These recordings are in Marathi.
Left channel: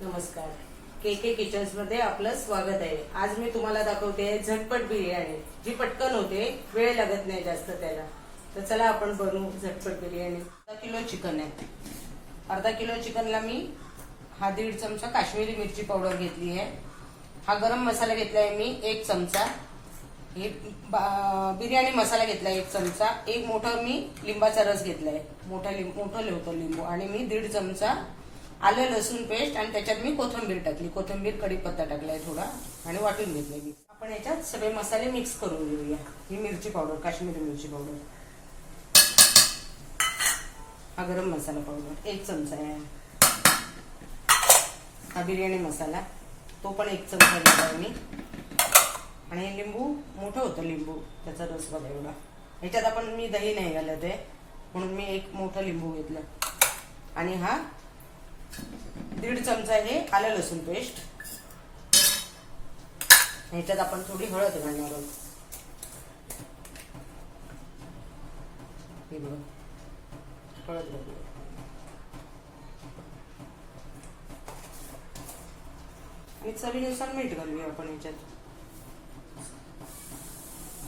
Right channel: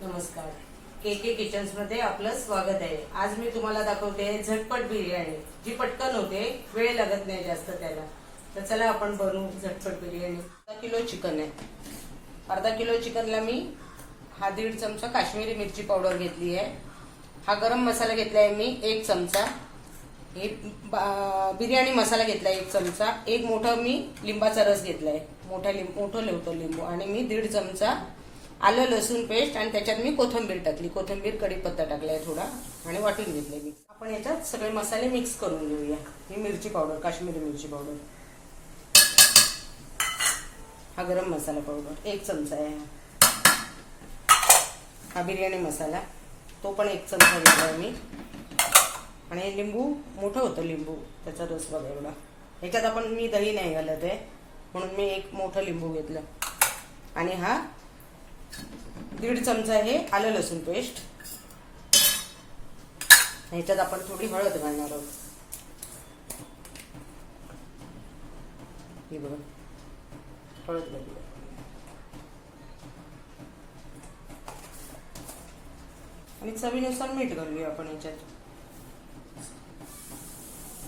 नमस्कार, के किचन्स मध्ये आपलं स्वागत आहे। आज मी तुम्हाला दाखवते झटपट बिर्याणी, जी पटकन होते, वेळ लागत नाही जास्त त्याला। तर चला आपण बनवू झटपट बिर्याणी। अर्धा किलो चिकन आहे। अर्धा किलो चिकनला मी हा 1.5 चमचा काश्मीरी मिरची पावडर घेतली आहे। हा गरम मसाला घेतलाय मी 1 चमचा। हे बिर्याणी मसाला घेतलाय 1 चमचा। एक मोठा मी लिंबाचा रस घेतलाय, मोठं लेवतो लिंबू, आणि मी 1.5 चमचा आलं लसूण पेस्ट, आणि त्याच्यात मी कोथिंबीर टाकली, कोथिंबीर कढीपत्ता टाकलाय थोडा, आणि वाटून घेतलाय मी। आपण याच्यात सगळे मसाले मिक्स करून घेऊया। ही मिरची पावडर, काश्मीरी मिरची पावडर, हा गरम मसाला पावडर 1 चमचा आहे। हा बिर्याणी मसाला, तो पण 1 चमचा घेतलाय मी। आणि लिंबू, मोठं होतं लिंबू, त्याचा रस बघा एवढा। याच्यात आपण मी दही नाही घालत आहे, म्हणून मी एक मोठं लिंबू घेतलं। आणि हा 1.5 चमचा आहे आलं लसूण पेस्ट। ह्याच्यात आपण थोडी हळद घालणार आहोत। हे बघा, हळद घालूया। आणि चवीनुसार मीठ घालूया आपण याच्यात,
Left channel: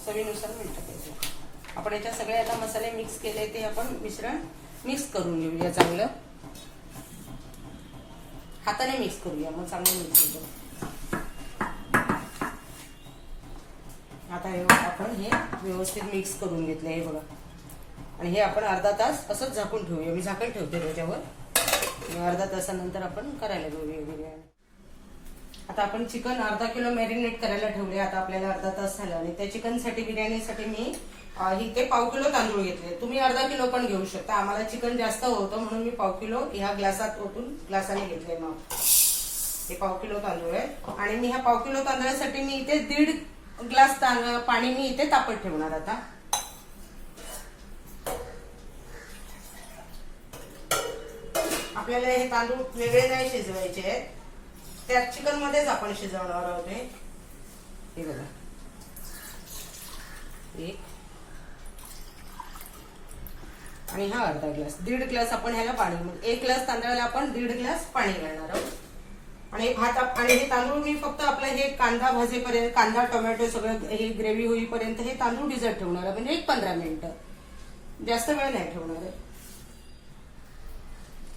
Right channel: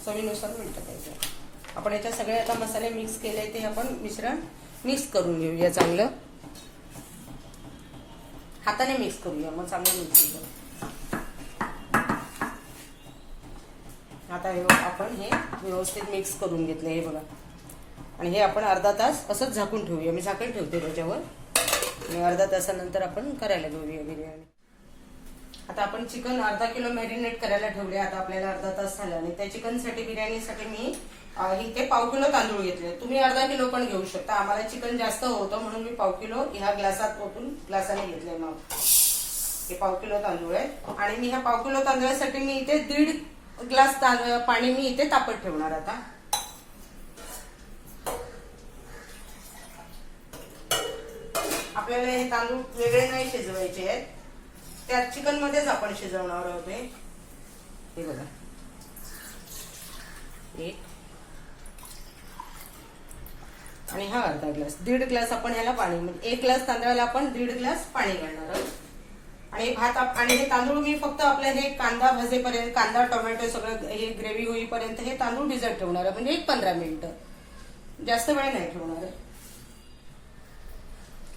चवीनुसार मीठ टाकायचं। आपण याच्यात सगळे आता मसाले मिक्स केले, ते आपण मिश्रण मिक्स करून घेऊया चांगलं। हाताने मिक्स करूया, मग चांगलं मिक्स होतं। आता आपण हे व्यवस्थित मिक्स करून घेतलं, हे बघा। आणि हे आपण अर्धा तास असंच झाकून ठेवूया। मी झाकण ठेवते त्याच्यावर, आणि अर्धा तासानंतर आपण करायला घेऊया बिर्याणी। आता आपण चिकन अर्धा किलो मॅरिनेट करायला ठेवले। आता आपल्याला अर्धा तास झाला, आणि त्या चिकनसाठी, बिर्याणीसाठी मी इथे पाव किलो तांदूळ घेतले। तुम्ही अर्धा किलो पण घेऊ शकता। आम्हाला चिकन जास्त होतं, म्हणून मी पाव किलो ह्या ग्लासात ओतून ग्लासाने घेतले। मग हे पाव किलो तांदूळ आहे, आणि मी ह्या पाव किलो तांदळासाठी मी इथे 1.5 ग्लास पाणी मी इथे तापत ठेवणार। आता आपल्याला हे तांदूळ वेगळे नाही शिजवायचे आहेत, त्या चिकन मध्येच आपण शिजवणार आहोत। हे बघा, आणि हा अर्धा ग्लास, 1.5 ग्लास आपण ह्याला पाणी, म्हणजे 1 ग्लास तांदळाला आपण 1.5 ग्लास पाणी घालणार आहोत। आणि भात, आणि हे तांदूळ मी फक्त आपलं हे कांदा भाजेपर्यंत, कांदा टोमॅटो सगळं हे ग्रेव्ही होईपर्यंत हे तांदूळ भिजत ठेवणार आहे, म्हणजे 15 मिनिटं, जास्त वेळ नाही ठेवणार आहे।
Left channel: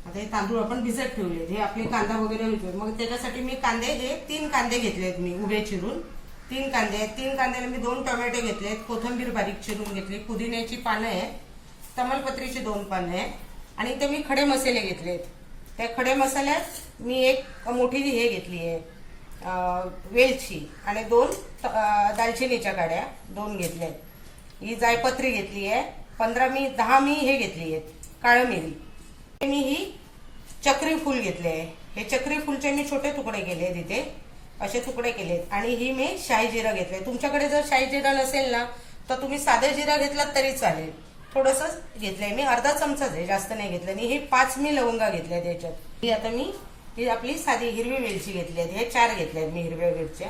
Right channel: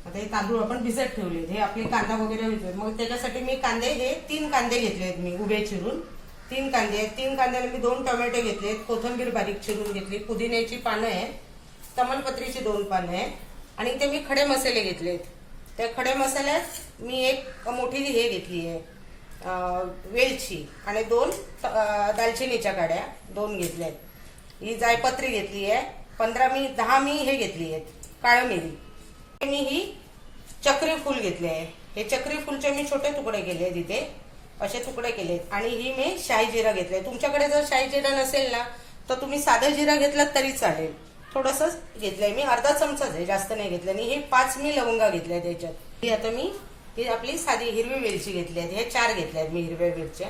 आता हे तांदूळ आपण भिजत ठेवले, हे आपले कांदा वगैरे होते। मग त्याच्यासाठी मी कांदे, हे 3 कांदे घेतलेत मी उभे चिरून, 3 कांदे आहेत। 3 कांद्याला मी 2 टोमॅटो घेतलेत, कोथिंबीर बारीक चिरून घेतली, पुदिन्याची पानं आहेत, तमालपत्रीची 2 पानं आहेत, आणि ते मी खडे मसाले घेतलेत। त्या खडे मसाल्यात मी एक मोठी हे घेतली आहे वेलची, आणि 2 दालचिनीच्या काड्या 2 घेतल्यात। ही जायपत्री घेतली आहे 10 मी हे घेतली आहेत काळी मिरी। मी ही चक्री फूल घेतले आहे। हे चक्री फूलचे मी छोटे तुकडे केले आहेत, इथे असे तुकडे केलेत। आणि ही मी शाही जिरा घेतलाय। तुमच्याकडे जर शाही जिरा नसेल ना, तर तुम्ही साधे जिरा घेतलात तरी चालेल। थोडंसं घेतलंय मी, अर्धा चमचाच आहे, जास्त नाही घेतलं। आणि हे 5 मी लवंगा घेतल्या त्याच्यात। आता मी ही आपली साधी हिरवी वेलची घेतली आहे, हे 4 घेतल्या आहेत मी हिरव्या मिरच्या।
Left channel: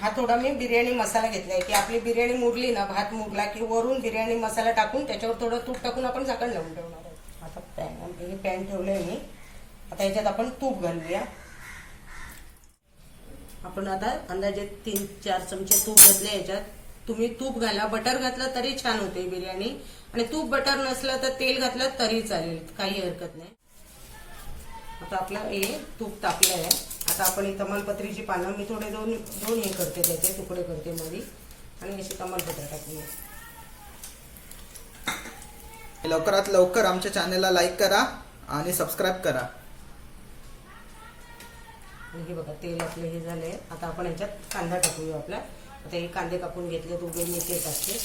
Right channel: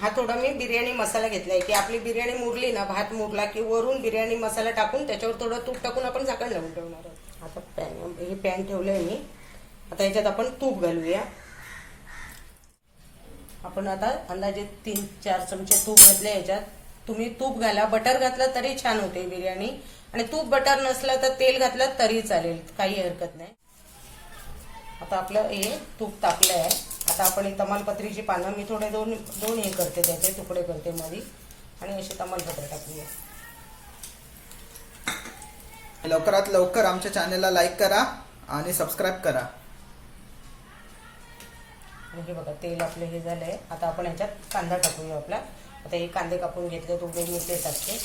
हा थोडा मी बिर्याणी मसाला घेतलाय, की आपली बिर्याणी मुरली ना, भात मुरला की वरून बिर्याणी मसाला टाकून त्याच्यावर थोडं तूप टाकून आपण झाकण लावून ठेवणार आहोत। आता हे पॅन ठेवलंय मी। आता याच्यात आपण तूप घालूया। आपण आता अंदाजे 3-4 चमचे तूप घातले याच्यात। तुम्ही तूप घाला, बटर घातलं तरी छान होते बिर्याणी, आणि तूप बटर नसलं तर तेल घातलं तरी चालेल, काही हरकत नाही। आता आपलं हे तूप तापलं आहे। आता आपण ही तमालपत्रीची पानं मी थोडे 2 हे करते, त्याचे तुकडे करते मोडी, आणि अशी तमालपत्र टाकूया। लवकरात लवकर आमच्या चॅनलला लाईक करा आणि सबस्क्राईब करा। हे बघा, तेल आपले हे झालंय। आता आपण ह्याच्यात कांदा टाकूया आपला। आता हे कांदे कापून घेतले, तो मी ते टाकते।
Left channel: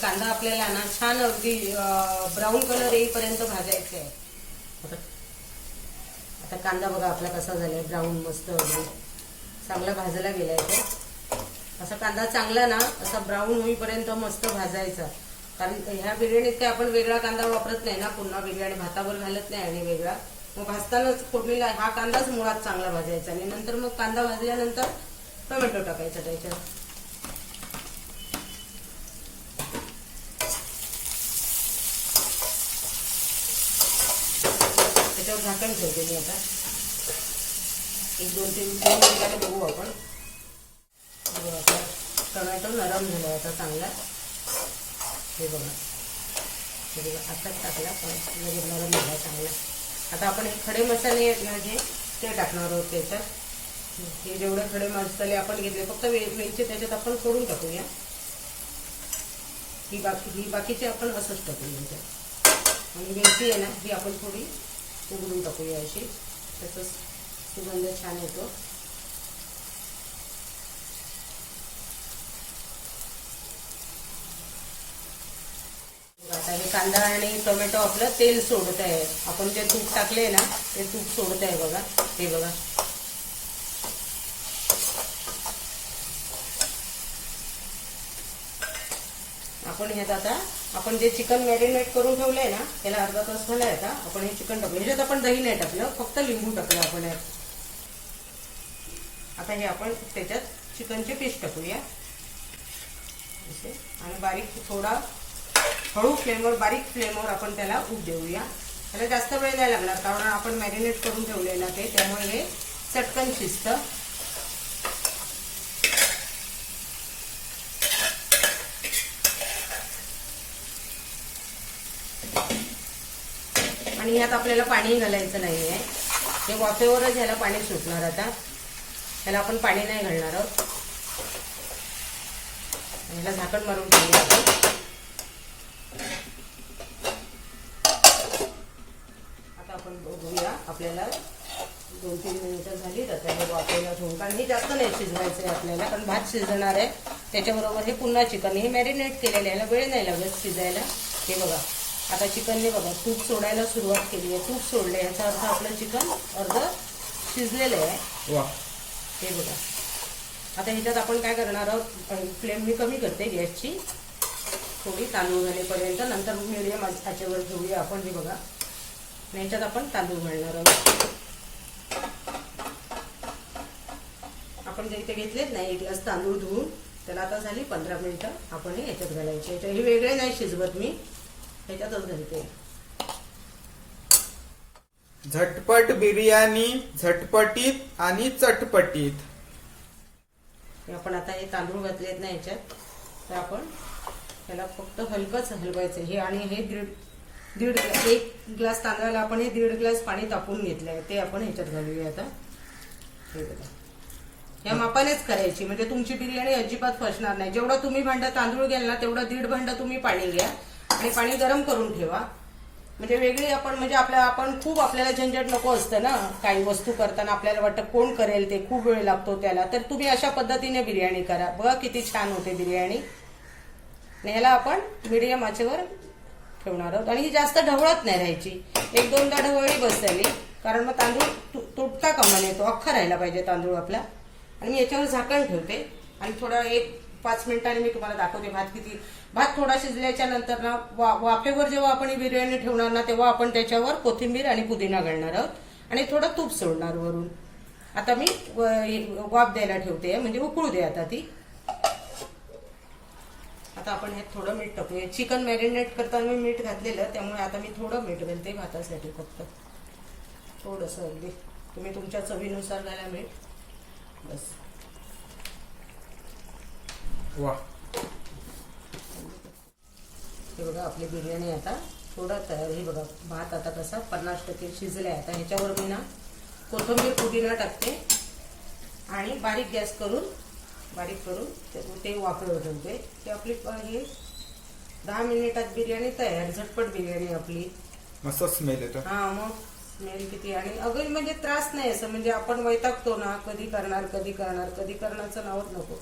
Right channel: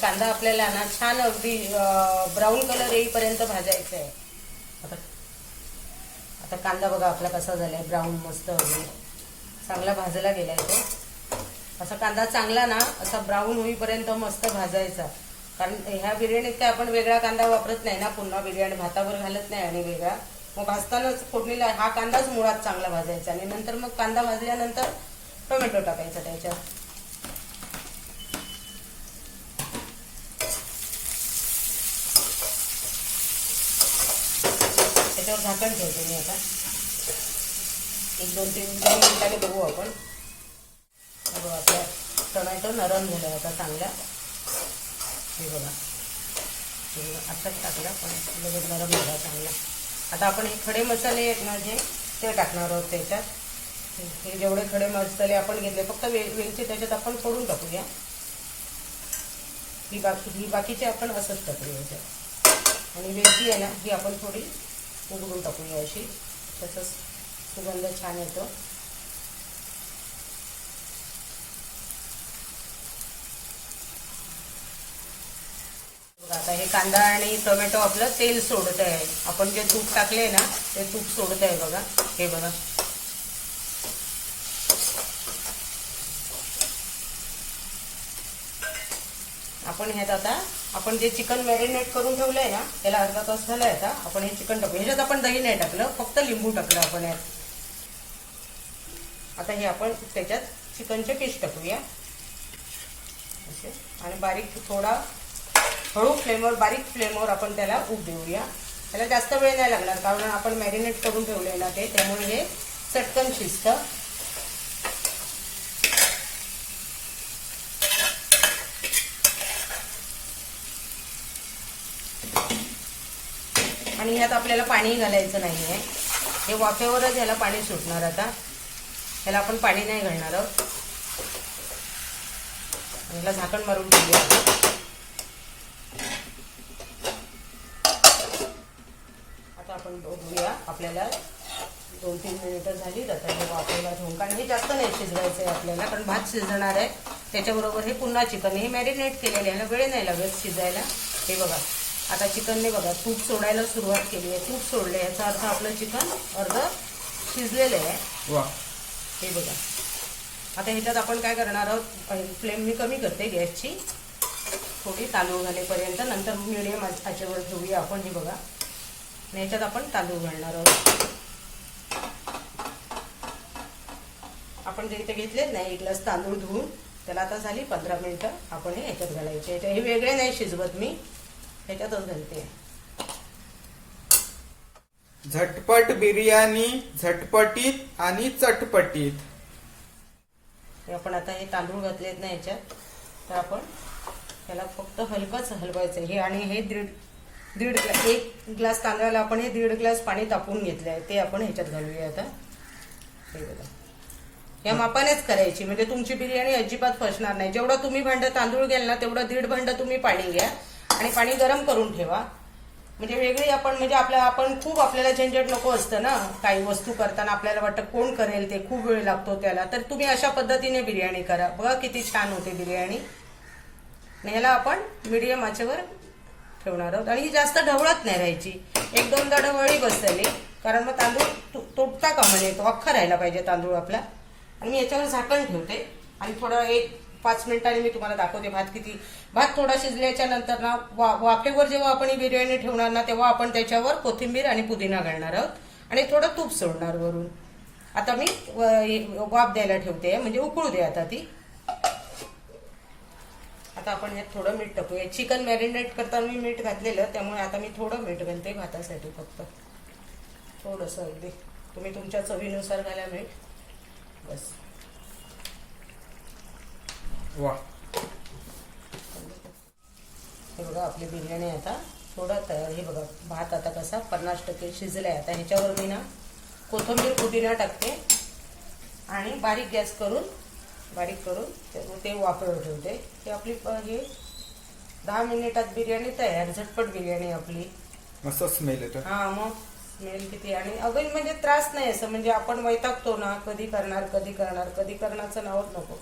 कांदा आपल्याला ना छान अगदी ब्राऊन कलर येईपर्यंत भाजायचा आहे। आता कांदा बघा आपला कसा झालाय, ब्राऊन मस्त वगैरे चांगला भाजला गेलाय। असा कांदा चांगला ना, असा ब्राऊन होईपर्यंत मस्त भाजायचा। कारण ह्या बिर्याणीत काय आपण वेगळा कांदा वापरत नाही ना, पुन्हा बिर्याणी भातावर घालत नाही आणि वेगळा। मग भाजताना फोडणीला हा कांदाच मुळात चांगला भाजायचा, आणि नंतर मग कांदा भाजल्यानंतर टोमॅटो टाकायचा त्याच्यात. त्याच्यावर झाकण ठेवते मी आता. 1-2-3 मिनिटांनी बघू आपण. आपला टोमॅटो नरम झाला होता चांगला. हे बघा आता टाकला पण नरम झाला चांगला. आता आपण हे खडे मसाले आहेत ना जे ते टाकणार आहोत त्याच्यात. हे जेवढे खडे मसाले आपण घेतले फक्त वेलची त्याच्यात आपण फोडून टाकूया. ही बाकीचे आपण असंच टाकूया त्याच्यात. आणि वेलची आहे ना ही आपण थोडी उघडून टाकूया अशी. त्याचा सुगंध छान येतो. आता हे कांदा आणि टोमॅटो आपलं तेल सोडत आहे. आपण जे तूप टाकले ना ते तूप सोडत आहे बघा. हे बघा आपण हे आता आपण जे चिकन मॅरिनेट करून ठेवलंय ना त्याला अर्धा तास झालाय. आता आपण हे चिकन टाकू. ह्याच्यात आपण दही नाही टाकलं फक्त लिंबू टाकलं आपण यात. आता हे आपण त्याच्यात चिकनचे पीस टाकूया आणि बारीक थोडा हळू फ्लेमवर बारीक फ्लेमवर आपण त्याला उब देऊया. त्याला जास्त वेळ नाही लागणार कारण आपण मॅरिनेट करून ठेवलेला ते त्यामुळे हे चटकन शिजतं. आणि यात आपल्याला पाणी घालायचं नाहीये. हे वाफेवरच ह्याला पाणी सुटणार. आता ह्याला आपण पाणी नाही घालणार आहोत. ह्याला झाकण मारून ठेवूया. बघूया आपल्याला 2-3 मिनिटं झाली आता हे वाफायला ठेवून. कारण हे जास्त नाही शिजवायचं आहे आपल्याला कारण भात शिजणार आहे. त्याच्याबरोबर हे पुन्हा चिकन हे मॅरिनेट केलेलं आहे. वेळ नाही लागत शिजायला. हे बघा आता चिकनने बघा तूप सोडायला सुरुवात केली आहे. तूप सोडले याचा अर्थ आपलं चिकन अर्ध शिजलेलं आहे. हे बघा आता ह्याच्यात आपण काय करणार आहोत. फ्लेम मी कमी करते गॅसची थोडी तांदूळ घालेपर्यंत. नंतर मिडियम आचेवर ठेवूया आपण. हे बघा याच्यात आपण तांदूळ घालणार आहोत. आपण जे इथे घेतलेत ना 1 ग्लास तांदूळ धुवून त्याला आता झाली 15 मिनिटं. आपण हे याच्यात घालायचे. हे वेगळे नाही शिजवत मी त्याच्यातच घालते. झटपट बिर्याणी झटपटीत आणि चटपटीत. आपण आता हे तांदूळ घातलेत ना याच्यात तर आपण त्याला फक्त हलकंच हलवायचं. हे आणि हे 1 ग्लास तांदळाला आपण हे 1.5 ग्लास पाणी तापवून घेतलं आहे ते आपण ह्याच्यात घालूया आता. हे बघा या मापानेच करायची म्हणजे तुमची बिर्याणी अजिबात फसणार नाही. जेवढं तुम्ही भांड तांदूळ घ्याल ना तेवढं 1.5 भांड तुम्ही पाणी घ्या आणि पाणी गरम करून ठेवा. म्हणजे वेगळी आपण म्हणजे आपल्याला झंझट नको असतं ना. काही वस्तू करताना आपल्याला वाटतं कोण करेल ते खूप वेळ लागतो त्याला. तर तुम्ही अशा पद्धतीने बिर्याणी करा. बघा किती छान होते बिर्याणी. ह्याला आपण मीडियम आचेवर ठेवणार आहोत. आणि ही जास्त ढवळत नाही राहायची. 1-2दा ढवळी बसली कारण मग तांदूळ तुटता कामा नये. तो अख्खा राहायला पाहिजे तांदूळ आपला. आणि मी याच्यावर झाकण ठेवते आणि थोडा 1-5 मिनिटांनी मी तुम्हाला दाखवते भात थोडा शिजल्याच्या नंतर ना वाफेवर जेव्हा आपण ही बिर्याणी ठेवणार ना तेव्हा आपण त्याच्यावर कोथिंबीर आणि पुदिना घालणार आहोत आणि थोडं तूप सोडणार वरून. आता मी वाफ द्यायला ठेवते म्हणजे उकळू दे आता ती. आता आपण हे थोडं मीठ टाकूया. चिकन मॅरिनेट करताना मी मीठ घातलेलं त्यामुळे आता मी थोडं मीठ घालते भातासाठी फक्त थोडंसं. अगदी तुम्ही तुमच्या चवीनुसार घाला मीठ बस. वा हे बघा आपली बिर्याणी आता थोडं तयार. हे बघा भात आता कसा 50% शिजलाय. आता ह्याच्यावर मी ना कोथिंबीर पुदिना टाकते आणि बारीक गॅस करून ते वाफेवर ठेवते. की आपली ही 10 मिनिटात बिर्याणी तयार. झटपट बिर्याणी आपली. मस्त स्मेल येतो. हा मग स्मेल किती. आणि अगदी म्हणजे त्रास नाही असं म्हणजे आपण वैतागतो ना कधी करण्याचं नावच नको.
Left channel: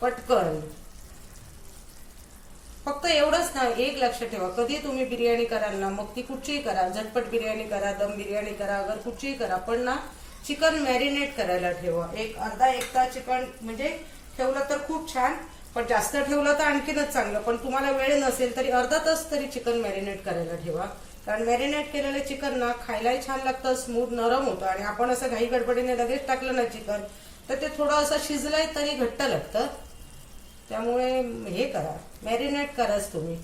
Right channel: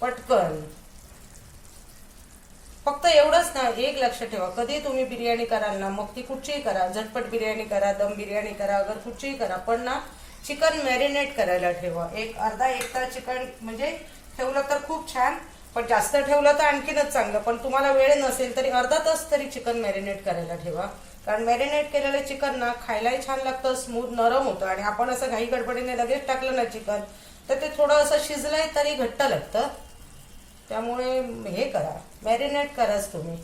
पटकन फक्त एवढंच ना. एक लक्ष ठेवा कधी तुम्ही बिर्याणी कराल ना मग ती कुठचीही करा. झटपट बिर्याणी करा दम बिर्याणी करा अगर कुठचीही करा पण ना चिकन मॅरिनेट करायला ठेवा. अर्धा 1 तास चिकन म्हणजे ठेवलं तर खूप छान. पण जास्त ठेवलं तर आणखीनच चांगलं. पण तुम्हाला वेळ नसेल तरी अर्धा तास तरी चिकन मॅरिनेट करायला ठेवा. कारण मॅरिनेट केलेलं चिकन ना खायलाही छान लागतं. स्मूथ नरम होतं. आणि आपण असं घाई गडबडीने लगेच टाकलं ना चिकन तर ते थोडं असं शिजलंय तरी घट्ट लागतं. त्यामुळे हे करा, मॅरिनेट कराच तुम्ही.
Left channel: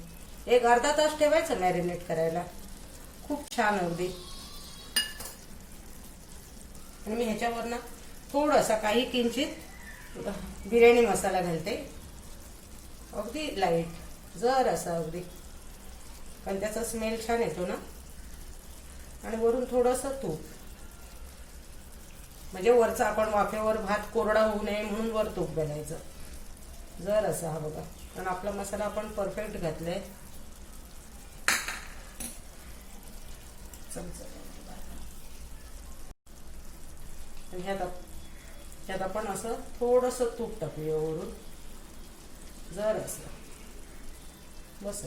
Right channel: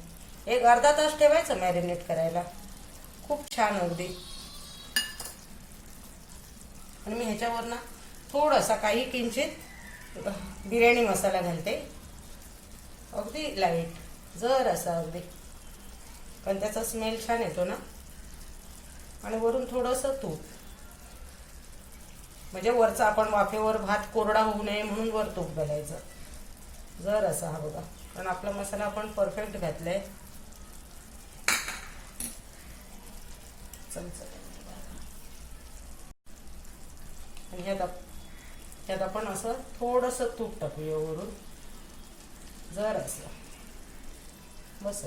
एक अर्धा तास ठेवायचं मॅरिनेट करायला. खूप छान अगदी. आणि मी ह्याच्यावर ना थोडासा काही किंचित बिर्याणी मसाला घालते, अगदी लाईट, जर असा अगदी, पण त्याचा स्मेल छान येतो ना. आणि वरून थोडंसं तूप, म्हणजे वरचा आपण वाफेवर भात कोरडा होऊ नये म्हणून वर तूप घालायचं. जर असा हा बघा. पण आपला मसाला आपण परफेक्ट घातलाय. आणि ह्यात आपण असं थोडंसं तूप टाकूया वरून, जर असं बस.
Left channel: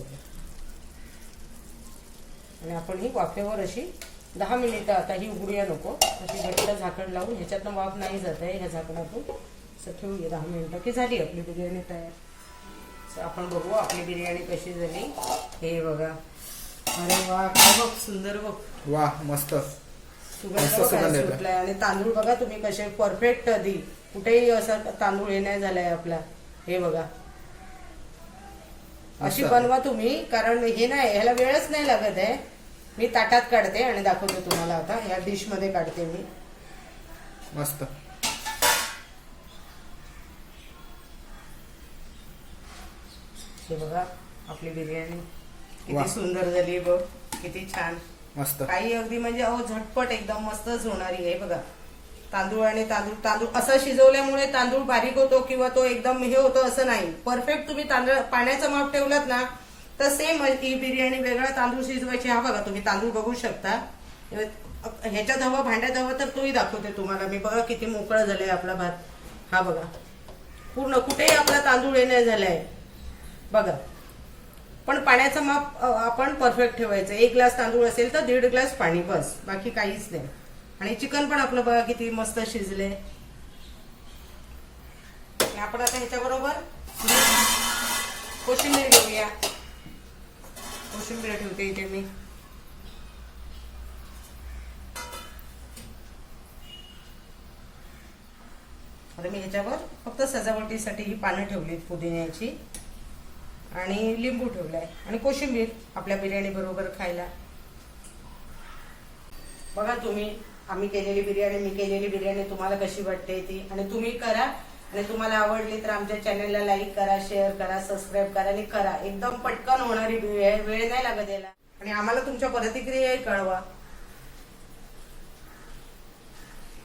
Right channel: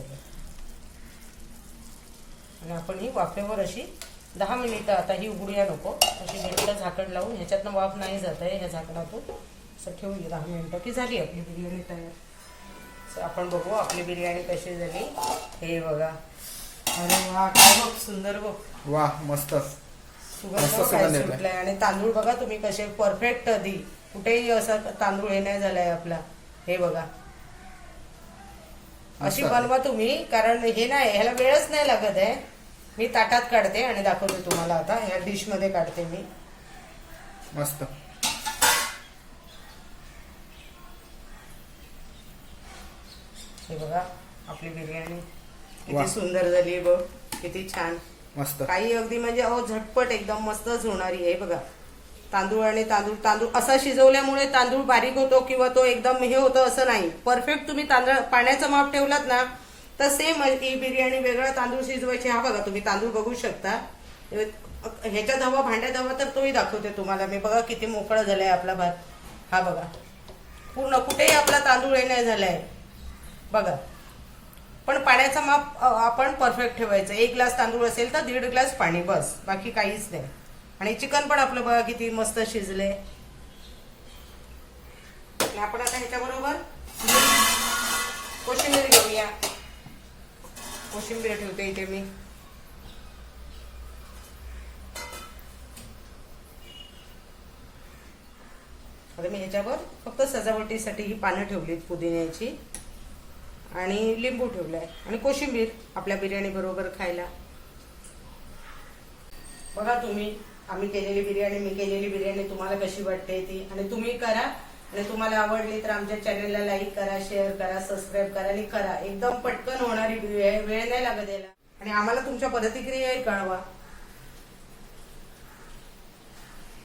आणि आपण ही वाफेवर अशी 10 मिनिटं, आता ही उघडूया नको, अशी घट्ट झाकण लावून, ह्याच्यातनं वाफ नाही जात आहे ह्या झाकणातून, असं ठेवूया 10 मिनिटं की झाली आपली बिर्याणी तयार. आपण बघू आपली बिर्याणी कशी झाली. हे बघा. अरे वा, काय बघ, सुंदर बघ. वा, मस्त सुगंध सुटलाय. आणि तांदूळ बघा तुम्ही कसे परफेक्ट आधी, कुठेही असं तांदूळ हे नाही झालाय आपला. हे बघा, अशी बनवा तुम्ही, कारण हे नाही, ह्याला वेळच नाही लागत आहे. मी ताटात काढते आणि दाखवते तुम्हाला. आता ह्या डिश मध्ये काढते मी. मस्त. हे बघा आपली बिर्याणी किती सुंदर झाली बघ, किती छान, मस्त. काही अगदी म्हणजे झटपट एकदम मस्तच होणारी आहे बघा. तांदूळ आणि तांदूळ असा शिजवल्यामुळे तांदूळ बारीक होतो किंवा तो एकदम हे होतो असं नाही. परफेक्ट तुम्ही पाण्याचं माप ठेवलात ना तर सेम ही बिर्याणी. वेगळा तांदूळ शिजवायची. हा बघा तुम्ही तांदूळ बघू शकता. ह्याच्यात हवा, भांड्यात हवा तर तोही दाखवते तुम्हाला मी. बघा किती मोकळं झालंय आपला भात. हा बघा, पूर्ण कुठेही आपला तांदूळ हे नाही झालाय बघा. पण पाण्याचं माप आपण परफेक्ट ठेवायचं. 1 ग्लास तांदूळ असेल तर 1.5 ग्लास पाणी, बस, बाकी काहीच नाही. आणि चिकन पण आपलं बघा किती मस्त शिजले. आपण आता ह्याच्याबरोबर कोशिंबीर घेऊया. कोशिंबीर ठेवते इथे मी. आता मी ह्याच्यावर फक्त सजावटीसाठी ही पानं ठेवलीत पुदिन्याची, आणि लिंबू ठेवलाय, आणि कोशिंबीर आपल्या बिर्याणी बरोबर खायला. बघा तुम्ही आम्ही केलेली बिर्याणी, मी केलेली बिर्याणी तुम्हाला कशी वाटते ती, आणि तुम्ही करा. आणि तुम्हाला आवडली तर आमच्या चॅनलला लाईक करा, शेअर करा, सबस्क्राईब करा आणि करा. एकदम पटकन होणारी वेळ नाही लागत याला. आणि आम्हाला तुमच्या प्रतिक्रियाही कळवा.